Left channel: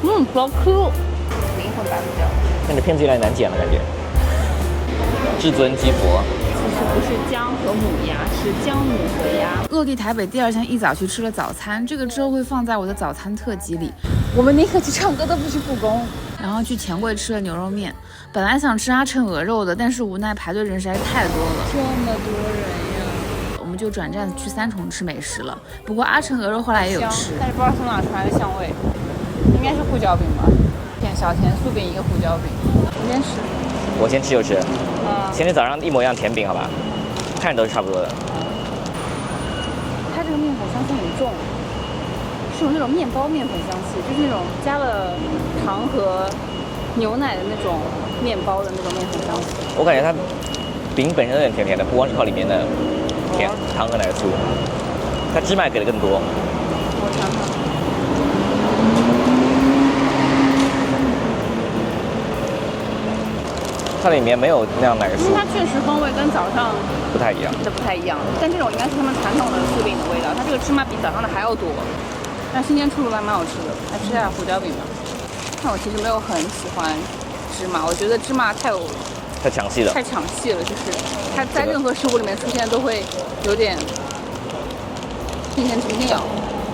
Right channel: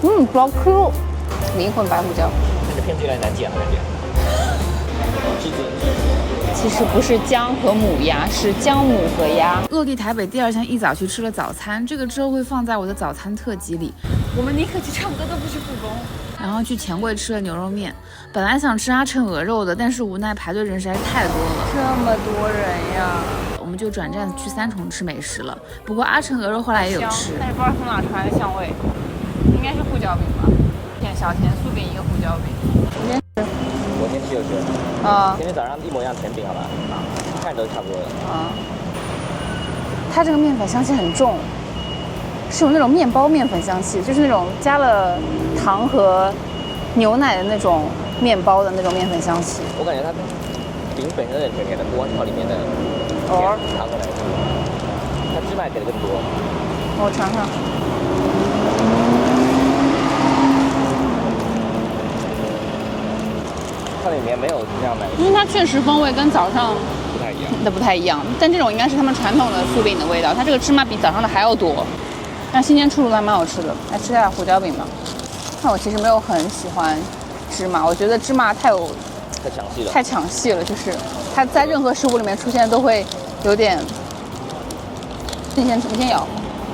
比较 Q， 灵魂白胡椒。看着片子有点难剪的感觉。至尊鸡佛。其实不是姜和母鸭，是姜母和鸭。落地台北第2天一早去吃了早餐，这个之后会放在我的早餐特辑里。我们宁可去唱歌都不去复工。然后去钱柜吃了牛肉面，本来想吃阿琛鹅肉的，但是无奈排队人实在是太多了，这么多人呀，我们就转站去3重吃美食了。不过阿琛鹅肉后来也有吃，但是不知道从哪传来的香味，应该是胡椒饼吧？点小甜酥饼一个胡椒饼，你先吃。我先吃就吃。啊，前天早上一模一样甜饼，好吧？看着都是差不多的。啊，它这个面粉香气很重。是有那种面包面粉香气，就是那种加了糖和牛奶的那种面包的那种面粉香气。我感觉它饼本身有点甜甜的，不光是靠里面的甜糖和奶酥，它芝麻给的更多。我尝尝。它里面没有那样奶酥，因为它确实风味跟早上不太一样。的不太一样，但这种应该是他们传统的酥饼的味道，它这个芝麻比早上的还要多。但新鲜出炉还蛮好吃的，来吃下胡椒饼吧。但我其实没有很喜欢芝麻，我觉得芝麻太抢戏了，太抢戏了，就是它在任何食物里面出现都会有点。你先咬。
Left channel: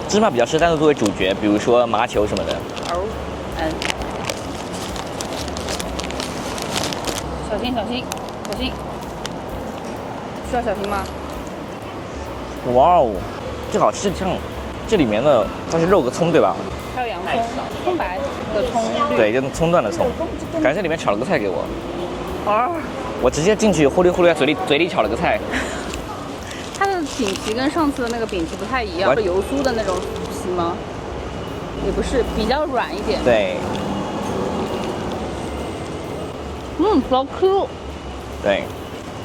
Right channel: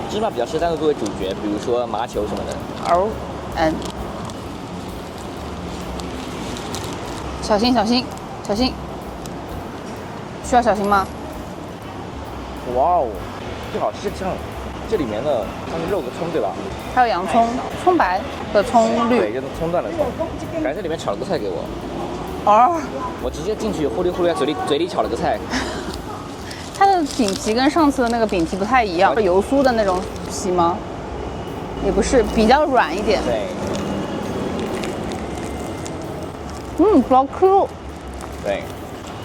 芝麻比较适当的作为主角，比如说麻球什么的。哦，小心，需要小心吗？哇哦，这好像这里面的它是肉和葱对吧？还有洋葱，葱白的葱绿。对，就是葱段的葱。感觉这里面炒了个菜给我。哦。我直接进去呼噜呼噜嘴里炒了个菜。它的饼皮跟上次的那个饼皮不太一样，油酥的那种皮吗？也不是，比较软一点。对。比较 Q。对，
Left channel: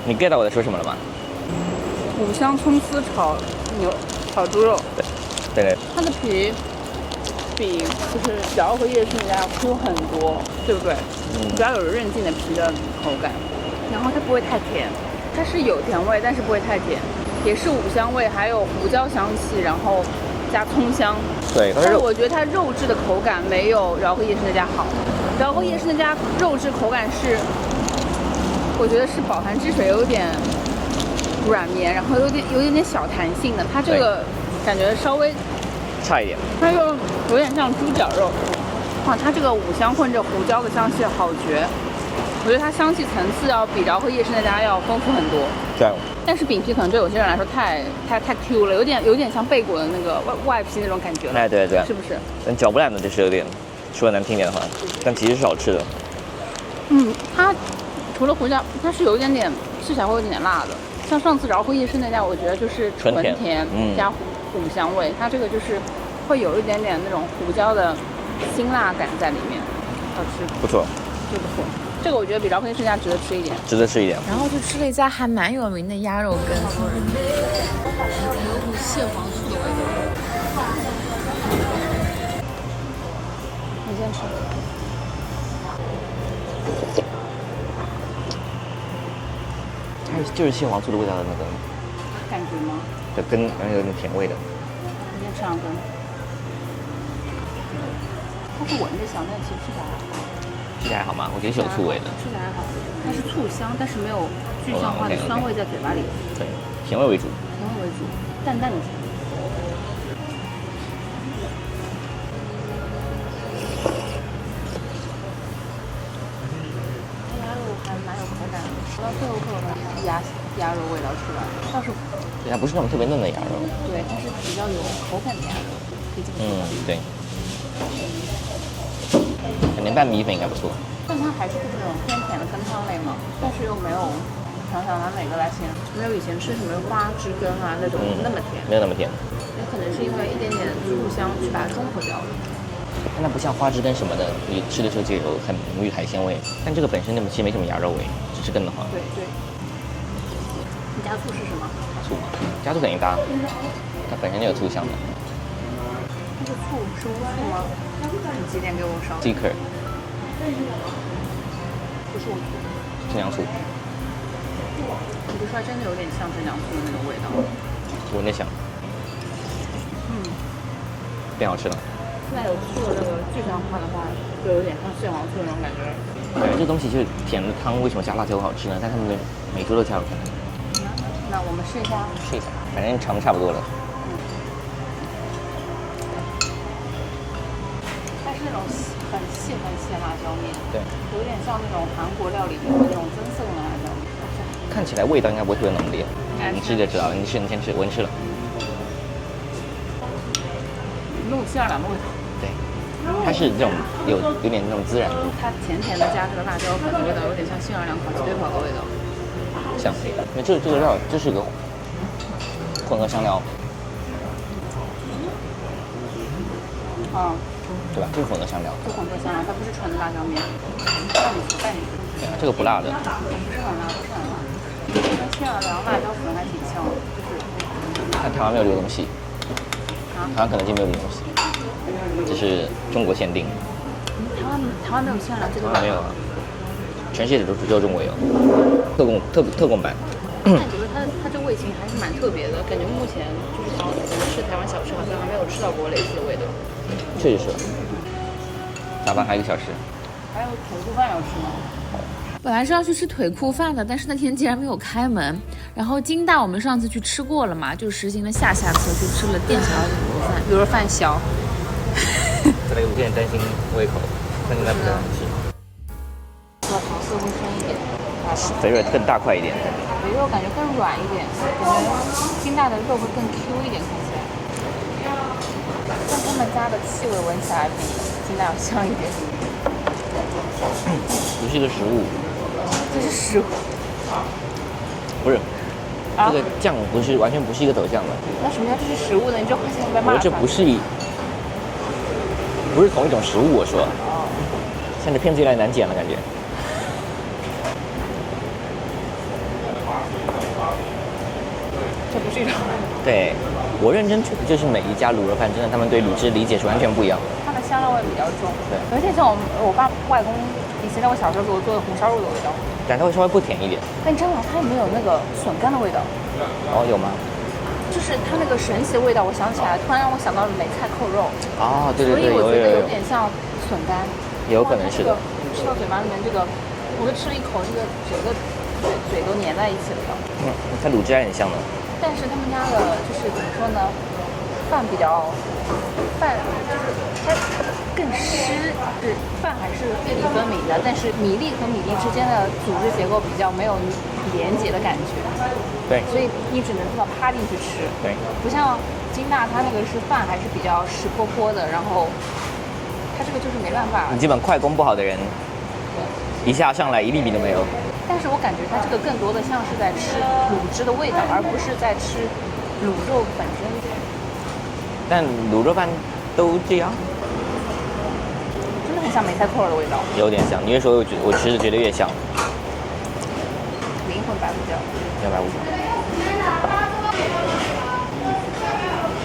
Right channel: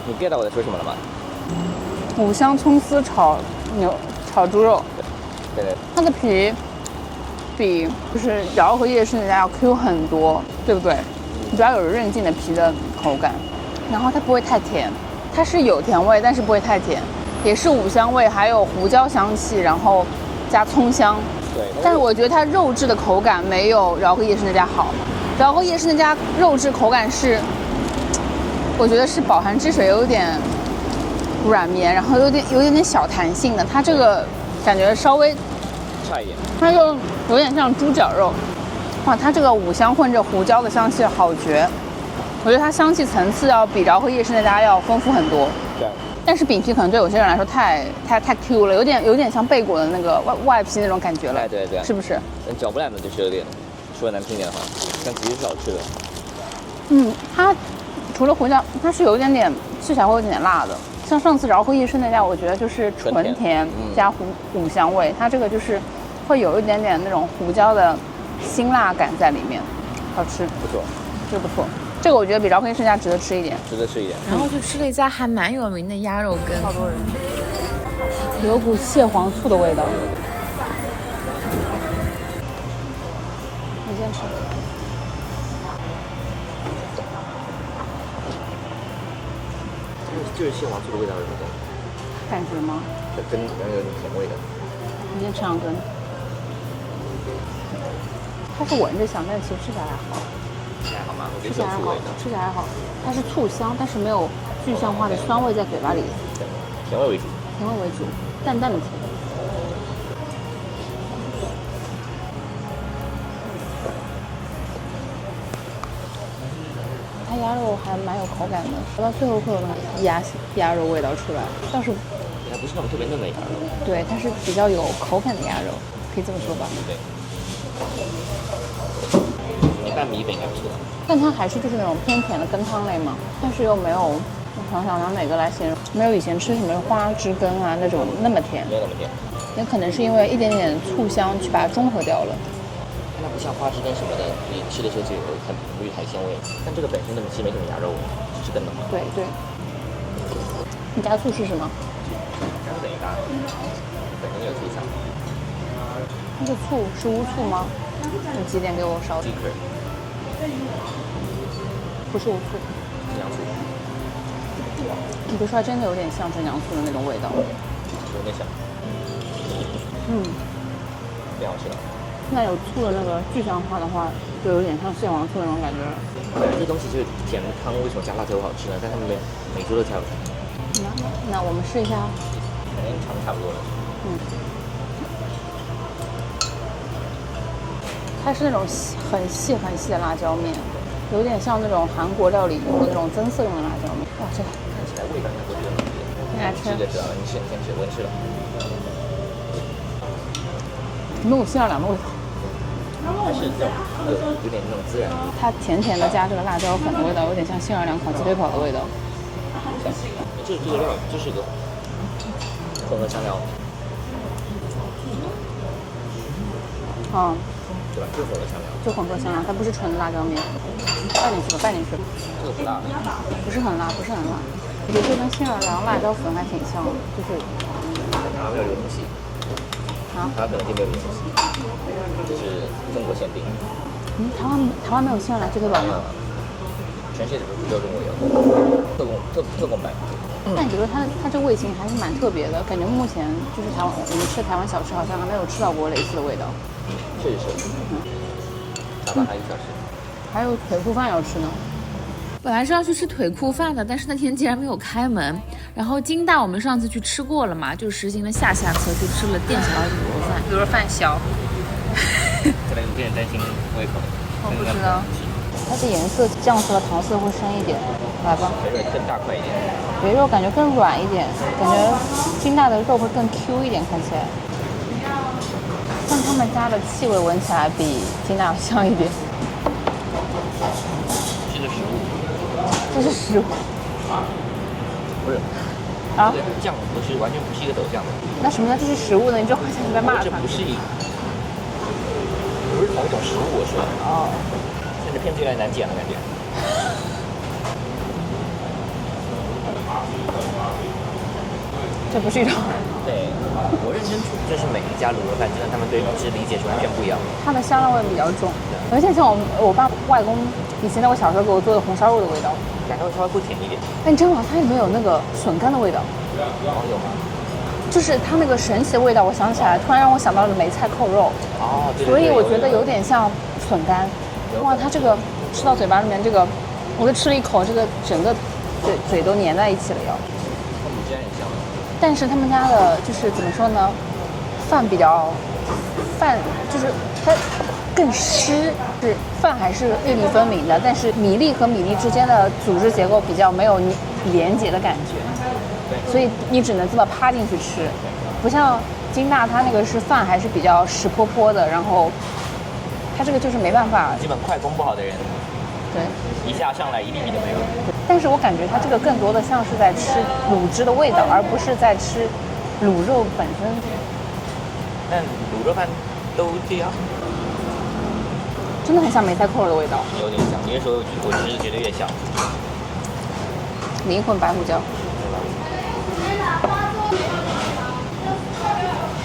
你 get 到我在说什么了吗？五香葱丝炒猪肉。对。它的皮比就是嚼和夜市那家要 Q 很多，对不对？比较有韧劲的皮的口感，然后它不会太甜，它是有甜味，但是不会太甜，也是五香味，还有胡椒香气，然后加葱香。对，但是我觉得它肉质的口感没有饶河夜市那家好。饶河夜市那家肉质口感是，我觉得是饱含汁水，有点软绵，然后有点小弹性的。它这个感觉稍微差一点，它就有点像猪脚肉。哇，它这个五香混着胡椒的香气好绝，我觉得它香气层次要比饶河夜市那家要丰富很多。对。但是饼皮可能对有些人来说太 Q 了，有点像贝果的那个外皮那种感觉了。哎，对，是不是？但嚼不烂的就是有点，说的难听点的话，但其实是好吃的。它除了胡椒，它是有一点点吃起来会有点辣的。像上次饶河夜市那家，我觉得就是纯甜加五香味，它这个就是会有一点点那种胡椒的辛辣感在里面，好吃，不错，这个不错。这个我觉得比饶河夜市那家值得吃一点，然后就吃了一家还蛮有名的鸭肉羹，好多人，有股蟹黄醋的味道。你先吃。就是蟹黄醋的味道的那个感觉吗？的根，然后有点甜味的。你先吃两根。它是闻着香，但其实吃起来还好。吃起来好吗？我觉得是有醋味的。吃起来还好，它是醋香，但是没有具象化的酸味在嘴巴里。对，甜味为主。甜味为主，淡淡的甜。它鸭肉还蛮有口感的，吃到最后会有那种鸭肉味道出来，但是它不是那种特别嫩的鸭肉。对，它是比较有口感的鸭肉，可以这么说吧。对。肯定拌米粉应该不错。但它还是就是那种偏甜的羹汤类嘛，但是又没有，想想拿哪个来形容？没有以前吃什么花枝羹啊那种那么甜，没有那么甜。也可能是因为一点点醋香去把它中和掉了。它那不像花枝羹什么的，你吃的时候就有很浓郁海鲜味。但这个本身那么其实没什么鸭肉味，只是羹的话。对。你加醋试试吗？加醋等于搭，它本身就有醋香的。那个醋是乌醋吗？你几点给我烧？这颗。不是乌醋，蒸羊醋。你不说还真的有点像蒸羊醋的那种味道。有点像。变好吃了。现在有醋的那个具象化的话，就有点像蟹黄醋那种感觉。感觉这东西就是甜汤，为什么加辣椒好吃呢？但他们每桌都加了。那我们试一下。试一下，反正尝差不多了。它是那种很细的辣椒面，对，有点像那种韩国料理那种增色的辣椒面。哇，这看起来味道应该不会特别浓烈。你吃就知道，你先吃，我先吃了。没有馅儿的味道。它是那种有点那种孜然的，它甜甜的加这个辣椒粉的味道，有点像杏儿两口鸡腿堡的味道。像那这个料就是个混合香料，对吧？就是混合香料，就混合香料，它不是纯的辣椒面。带进去。这个不辣的，不是很辣。这跟杏儿郎辣椒粉还挺像的，就是。但台湾没有这个东西，台湾可能就没有这个东西，这是中国限定。台湾没有杏儿郎鸡腿堡。没有，全世界都只有中国有，特供版。但你觉得它这味型还是蛮特别的，感觉目前就是我们吃台湾小吃好像还没有吃到过类似的味道。确实是。打饭还有1个小时。还有腿裤饭要吃呢。本来是要去吃腿裤饭的，但是那天竟然没有开门。然后金大我们上次去吃过了嘛，就实行了下策，去吃了店小二的卤肉饭。卤肉饭小。可能有点担心胃口。我不知道。它的颜色酱色和桃色会深一点，来吧。肥肉更大块一点。肥肉感觉更软一点，感觉金大的肉会更 Q 一点，看起来。但他们家的气味闻起来比金大香一点。不是一个食物。这是食物。不是。这个酱完全不是一个走向的。那什么叫这是食物呢？你就好像在骂他。这不是同一种食物，我说。哦。像这片子越来越难剪了，感觉。这不是一种。对，我认真就是每一家卤肉饭，真的他们对卤汁理解是完全不一样。它的香料味比较重，对，有点像我爸外公以前在我小时候给我做的红烧肉的味道。感觉会稍微不甜一点。但真的，它也没有那个笋干的味道。哦，有吗？就是它那个神奇的味道，我想起来，突然让我想到了梅菜扣肉。啊，对。所以我觉得有点像笋干。哇，有可能。它这个吃到嘴巴里面，这个我就吃了一口，这个整个嘴都粘在一起了。它卤汁还很香的。但是他们家的就是怎么说呢，饭就是它更湿，是饭还是粒粒分明的，但是米粒和米粒之间的组织结构比较没有连结的感觉。对，所以你只能这么趴进去吃。对，不像金大它那个是饭还是比较湿泼泼的，然后它这个就是没办法。基本快攻不好的人，一下上来一粒米都没有。但是我感觉它这个更多的像是在吃卤汁的味道，而不是在吃卤肉本身。但卤肉饭都这样，真的很像梅菜扣肉的味道。有点像，你越说我吃着觉得越像。灵魂白胡椒。白胡椒。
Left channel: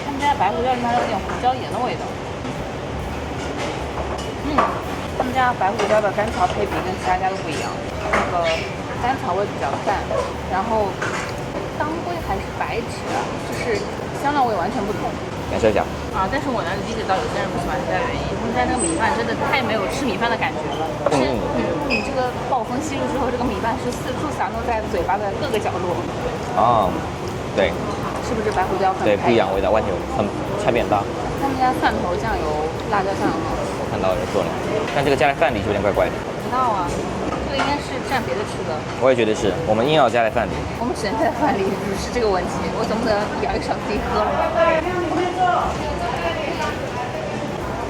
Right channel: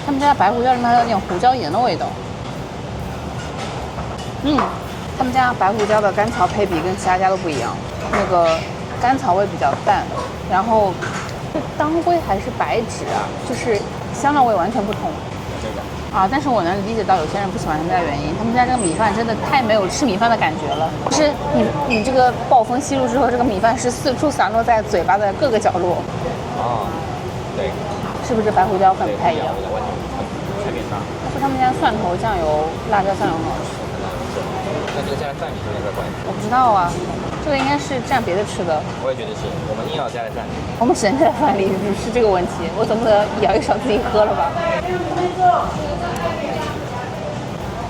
他们家的白胡椒里面有点胡椒盐的味道。他们家白胡椒的甘草配比跟其他家都不一样，那个甘草味比较淡，然后是当归还是白芷啊，就是香料味完全不同。感受一下啊！但是我能理解到有些人不喜欢他们家的原因，他们家这个米饭真的太没有吃米饭的感觉了。是你这个暴风吸入之后，这个米饭是四处散落在嘴巴的各个角落。啊，对。是不是白胡椒很对，不一样味道，完全很差别很大。但是他们家蒜头酱油、辣椒酱油很好吃。看到说了，但这个加在饭里就有点怪怪的。我不知道啊，这个应该是蘸别的吃的。我也觉得是，我们硬要加在饭里。我们只能在饭里是这个问题，我总不能舀一勺自己喝了吧？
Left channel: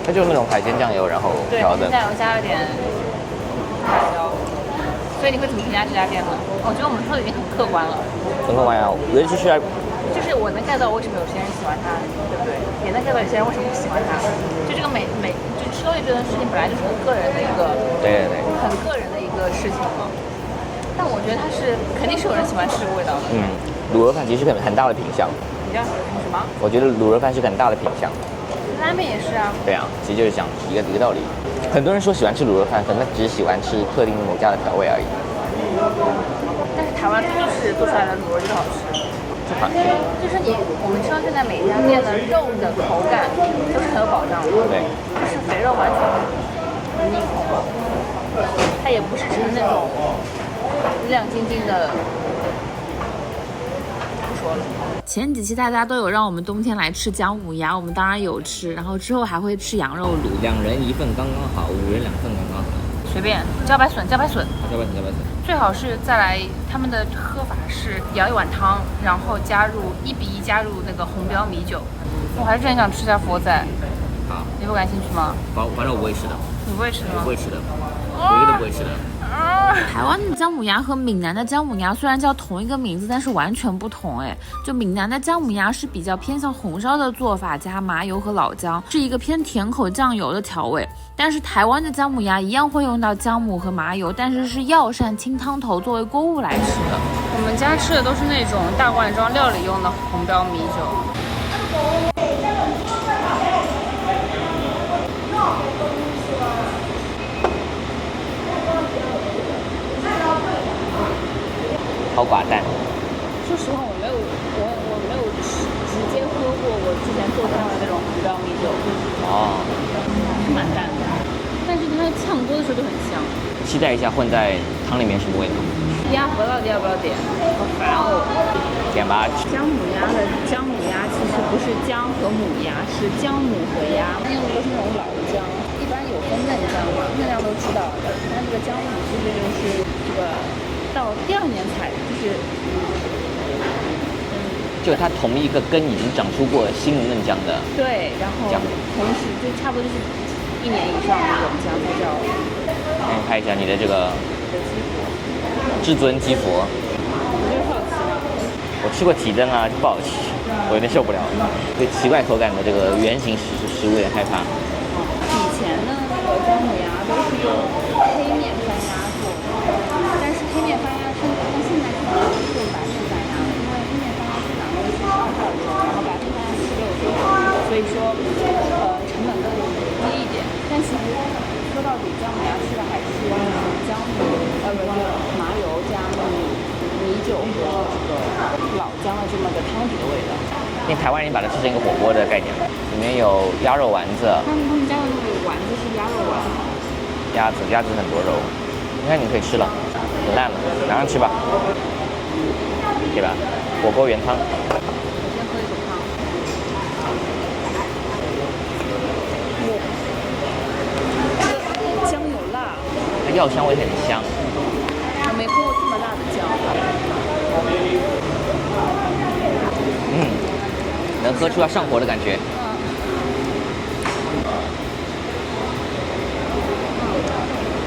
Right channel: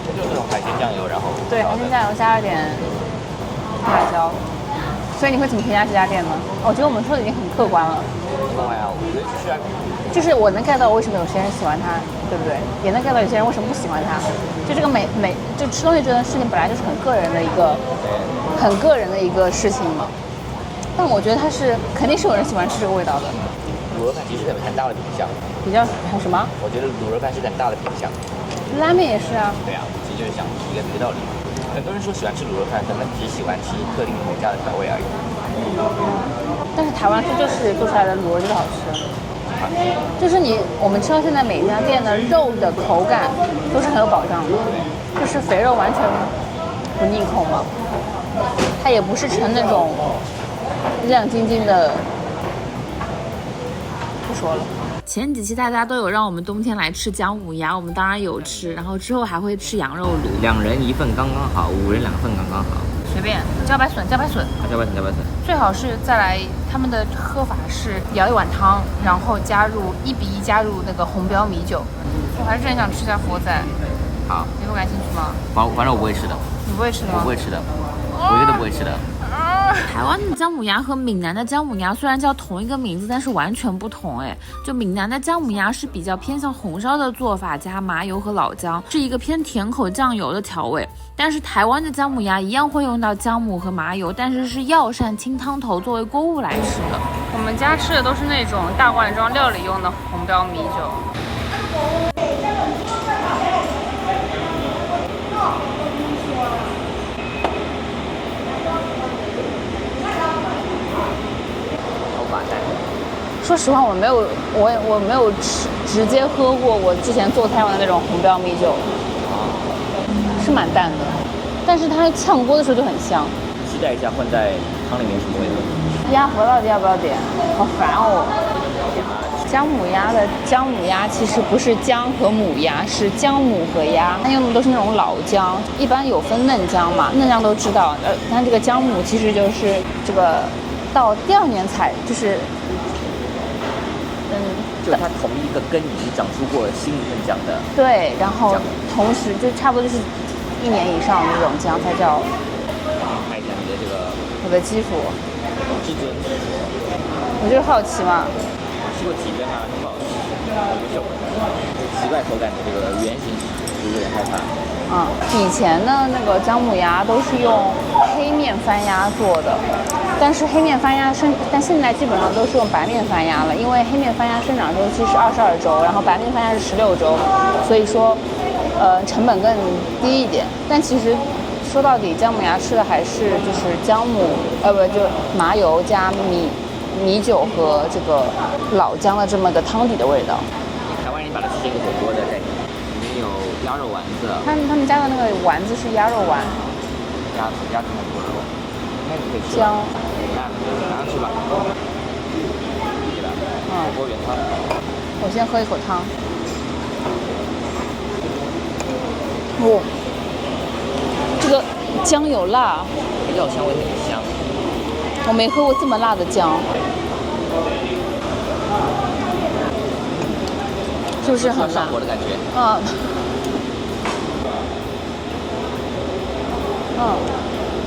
它就是那种海鲜酱油，然后对，海鲜酱油加了点辣椒。所以你会怎么评价这家店呢？我觉得我们说的已经很客观了。很客观啊，我觉得就是我能 get 到为什么有些人喜欢它，对不对？也能 get 到有些人为什么不喜欢它。就这个就吃东西这件事情本来就是很个人的一个，对，很个人的一个事情。但我觉得它是肯定是有人喜欢吃这个味道的。卤肉饭其实很大的品相。比较很什么？我觉得卤肉饭是很大的品相。拉面也是啊。对啊，其实就是讲一个道理。很多人说喜欢吃卤肉饭，可能只是喜欢吃特定每家的调味而已。但是台湾就是做出来的卤肉都好吃。就是我们吃到现在每一家店的肉的口感都是很有保障的。对，就是肥肉完全不腻口嘛，它也不是成那种亮晶晶的。不说了。前几期大家都有让我们冬天来吃姜母鸭，我们当然有吃，然后之后还会吃羊肉炉。2人1份刚刚好，5人2份刚刚好。随便，茭白笋，茭白笋，茭白笋，茭白笋。最好是再来，他们的喝法是舀一碗汤，然后加入1比1加入那个红标米酒。我还是很想吃下佛仔，好，你不感兴趣吗？反正我不会吃的。你不会吃的吗？我不会吃的，我绝对不会吃的。台湾的姜母鸭和闽南的姜母鸭虽然叫同一个名字，但是完全不同哎。就闽南的姜母鸭是比较偏向红烧的做法，加麻油和老姜，是一个偏甜口酱油的调味。但是台湾的姜母鸭一样会用到姜母和麻油，但是是药膳清汤头作为锅物来吃的。我们家吃的都是那种大罐装料理用的红标米酒。好寡淡。说实话，我没有直接喝过我之前做菜用的那种红标米酒，是蛮淡的，但是它炝锅的时候就很香。期待一下混在汤里面什么味道。鸭核到底要不要点？好烦哦。点吧。姜母鸭其实不是姜和母鸭，是姜母和鸭。它用的都是那种老姜，一般有分嫩姜嘛，嫩姜都知道。但这个姜母其实就是这个到第2年采，就是就它同一个根已经长出过新的嫩姜的。对，然后同时就差不多是1年以上的那种姜才叫。看一下你的这个我的鸡佛，至尊鸡佛。我就是好奇嘛。我吃过提灯啊，就不好吃，我有点受不了。对奇怪口感的这个圆形食物有点害怕。以前的那个姜母鸭都是用黑面番鸭做的，但是但现在基本上都是用白面番鸭了，因为黑面番鸭生长周期是22周，然后白面番鸭是16周，所以说成本更低一点。但其实说到底，姜母鸭吃的还是就是姜母，就是麻油加米酒和这个老姜的这么个汤底的味道。因为台湾人把它吃成一个火锅的概念，里面有鸭肉丸子。他们家的那个丸子是鸭肉丸。鸭子很多肉，应该你可以吃吧？烂了，马上吃吧，对吧？火锅原汤。我先喝一口汤。这个姜有辣，药香味很香。我没喝过这么辣的姜。能喝出来上火的感觉。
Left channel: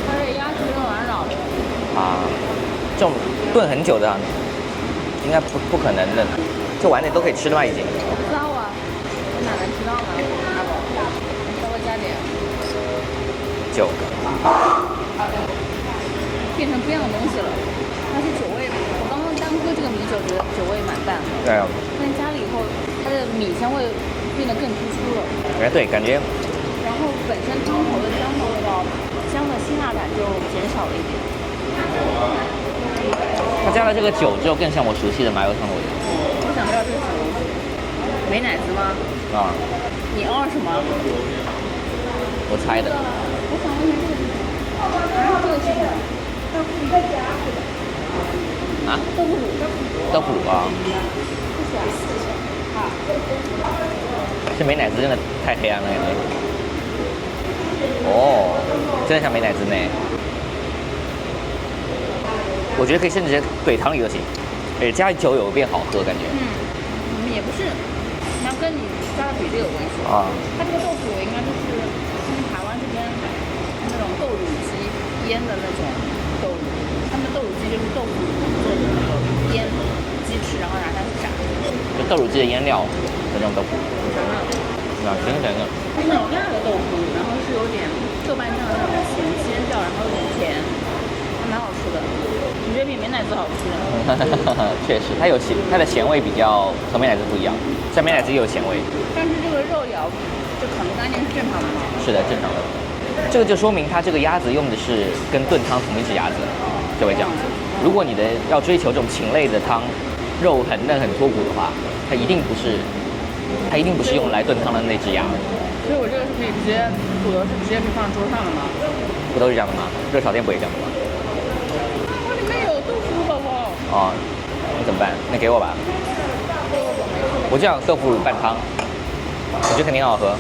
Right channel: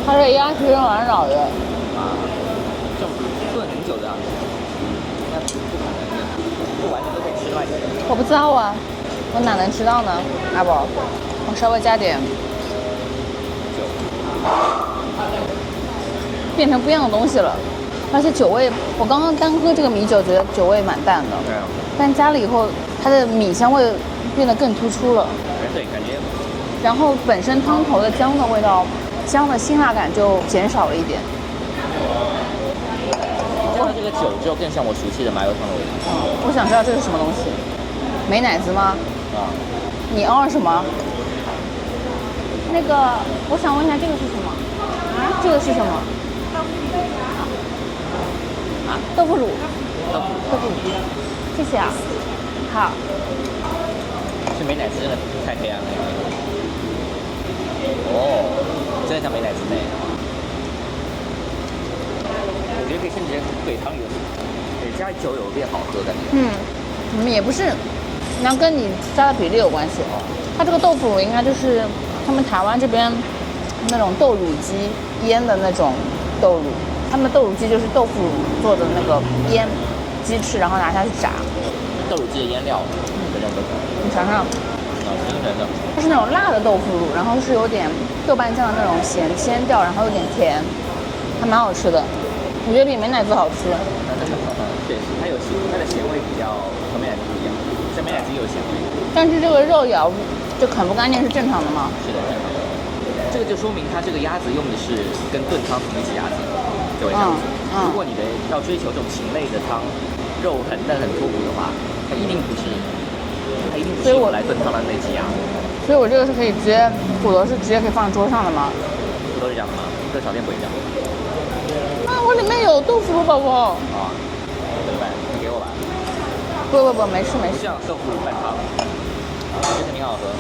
它这鸭是软软的。这种炖很久的，应该不可能的。这晚点都可以吃的吧已经。我不知道啊，我哪能知道呢？阿宝，我稍微加点酒，变成不一样的东西了。而且酒味，我刚刚单喝这个米酒，觉得酒味蛮淡的。对。但加了以后，它的米香味变得更突出了。对，感觉。然后本身汤头的姜的味道，姜的辛辣感就减少了一点。它加了这个酒之后，更像我熟悉的麻油香味。我想知道这是什么东西？美乃滋吗？你什么？我猜的。我想问一下，这个是什么？这个是什么？豆腐乳。豆腐乳啊。谢谢啊。好。这美乃滋真的太黑暗了，有没有？真的像美乃滋呢。我觉得可以甚至怼汤里都行，对，加酒有变好喝感觉。也不是，那跟你加的比例有关系啊。它这个豆腐乳应该就是他们台湾这边那种豆乳鸡腌的那种豆乳，他们豆乳鸡就是豆腐乳做的那个腌鸡翅，然后拿下去炸。豆乳鸡的腌料的那种豆腐。你尝尝。甜甜的。它是那种辣的豆腐乳，然后是有点豆瓣酱的那种鲜调，然后有点甜，还蛮好吃的。我觉得比美乃滋好吃。确实，它的咸味比较和美乃滋不一样，像美乃滋也有咸味。但是这个肉咬就啃不干净是正常的吗？是的，正常的。这个就说明它这个鸭子用的是跟炖汤同一只鸭子，就会这样子。如果你要追求这种禽类的汤，肉很嫩很脱骨的话，它一定不是用来炖汤的那只鸭。所以我这个是可以直接，骨头是直接可以放在桌上的吗？不都是这样的吗？热炒店不也这样？啊，我里面有豆腐乳，宝宝。哦，怎么办？那给我吧。不，没事没事。不叫豆腐乳拌汤，我觉得肯定很好喝。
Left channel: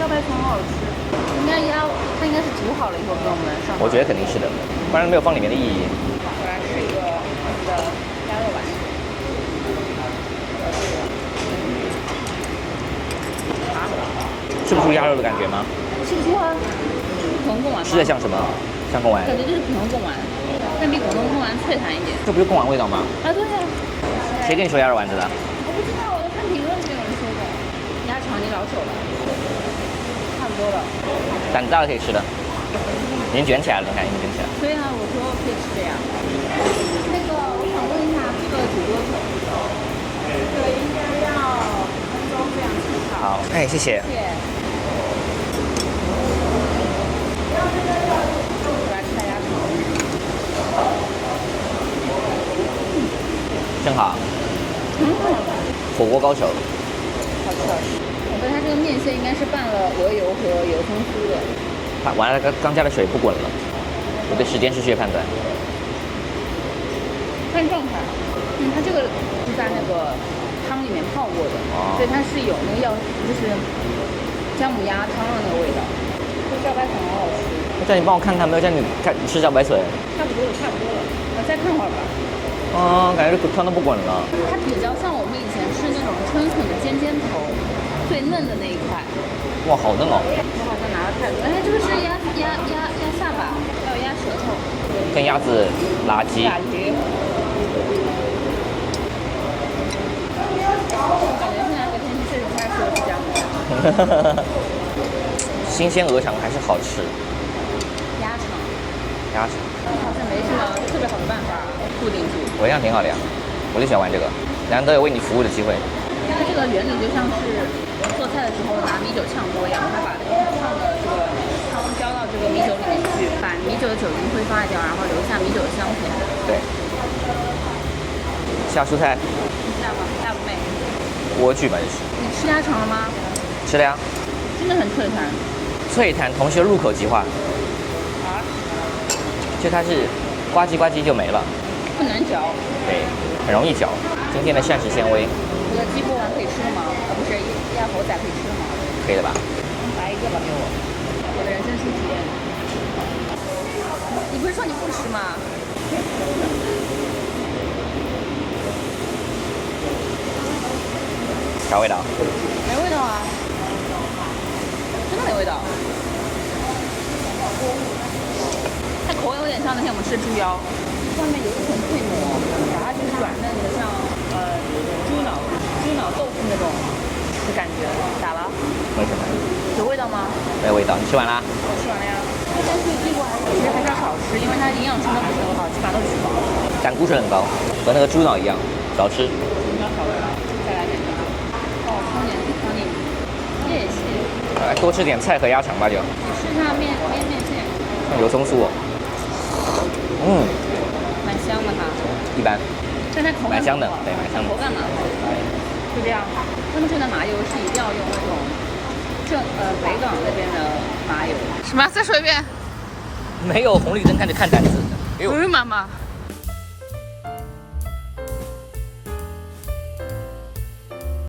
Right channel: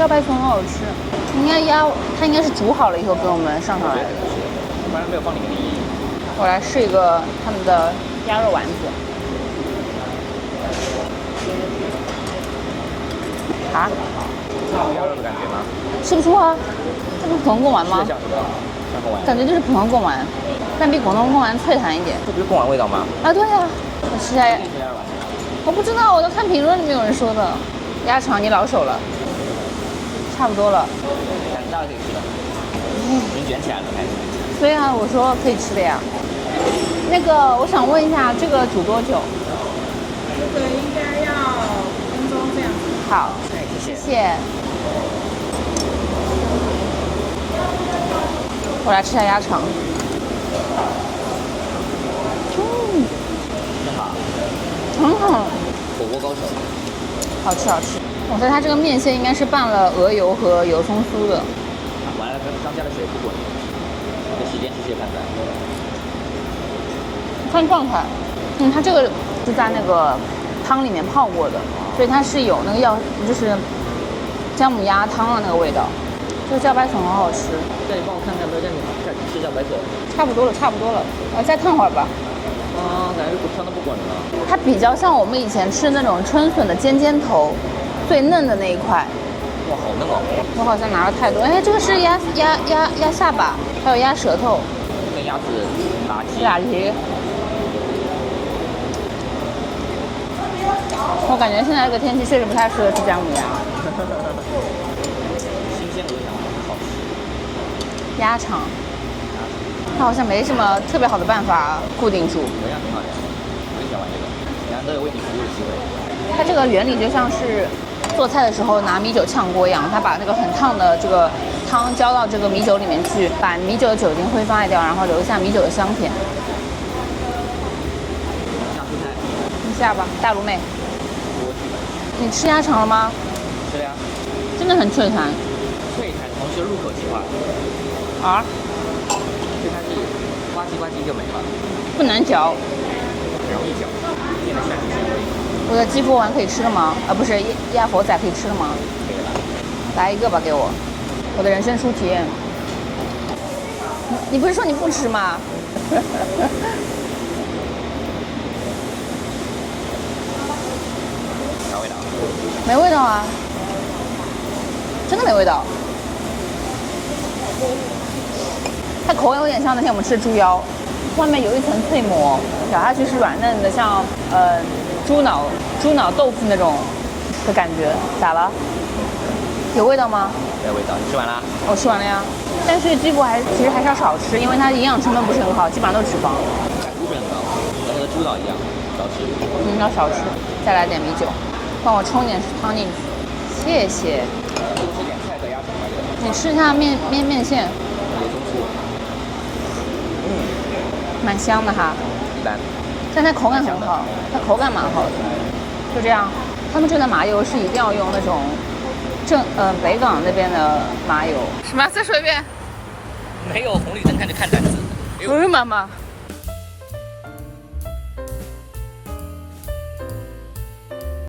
茭白葱很好吃，它应该是煮好了以后给我们上上。我觉得肯定是的，不然没有放里面的意义。我来试一个他们的鸭肉丸子。啊？吃不出鸭肉的感觉吗？吃不出啊，是普通贡丸吗？吃的像什么？像贡丸？感觉就是普通贡丸，但比普通贡丸脆弹一点。这不是贡丸味道吗？啊，对呀、我吃谁跟你说鸭肉丸子的？我不知道，我都看评论里面有人说的。鸭肠你老手了，差不多了。胆子大了可以吃的，已经卷起来了，你看已经卷起来了。对啊，我说可以吃的呀。那个，我想问一下，这个煮多久？这个应该要5分钟这样子。好，哎，谢谢。谢谢。我来吃下鸭肠。真好，很好，火锅高手。好吃好吃。我猜它这个面线应该是拌了鹅油和油葱酥的。完了，刚加了水不滚了，我对时间失去了判断。看状态，它这个是在那个汤里面泡过的，所以它是有那个就是姜母鸭汤的那个味道。这个茭白笋很好吃。叫你帮我看看，没有叫你吃茭白笋。差不多了，差不多了，再烫会儿吧。感觉这汤都不滚了。它比较像我们以前吃那种春笋的尖尖头，最嫩的那一块。哇，好嫩哦！我好像拿了太多，这个是鸭下巴，还有鸭舌头，跟鸭子辣鸡。辣鸡。我感觉现在这个天气确实不太适合吃姜母鸭。新鲜鹅肠还是好吃。鸭肠，鸭肠，它好像没什么特别好的办法固定住。我一样挺好的呀，我就喜欢玩这个，难得有为你服务的机会。它这个原理就像是做菜的时候拿米酒炝锅一样，它把那个很烫的这个汤浇到这个米酒里面去，把米酒的酒精挥发掉，然后留下米酒的香甜。对。下蔬菜。你下吧，大卤美。莴苣吧，就是。你吃鸭肠了吗？吃了呀。真的很脆弹。脆弹，同时入口即化。啊？就它是呱唧呱唧就没了。不难嚼。很容易嚼，中间的膳食纤维。我的鸡佛丸可以吃了吗？啊，不是，鸭佛仔可以吃了吗？可以了吧？来一个吧，给我。我的人生初体验。你不是说你不吃吗？啥味道？没味道啊，真的没味道。它口感有点像那天我们吃的猪腰，外面有一层脆膜，咬下去是软嫩的，像猪脑豆腐那种的感觉。咋了？有味道吗？没有味道。你吃完啦？我吃完了呀。但是这个其实还是要少吃，因为它营养成分不是很好，基本上都是脂肪。胆固醇很高，和那个猪脑一样，少吃。要少吃。再来点米酒，帮我冲点汤进去。谢谢。来多吃点菜和鸭肠吧，就。你吃一下面线。油葱酥哦。蛮香的哈。一般。但它口感很好，它口感蛮好的。就这样，他们这边的麻油是一定要用那种北港那边的麻油。什么？再说一遍。没有红绿灯看着看单子。妈妈。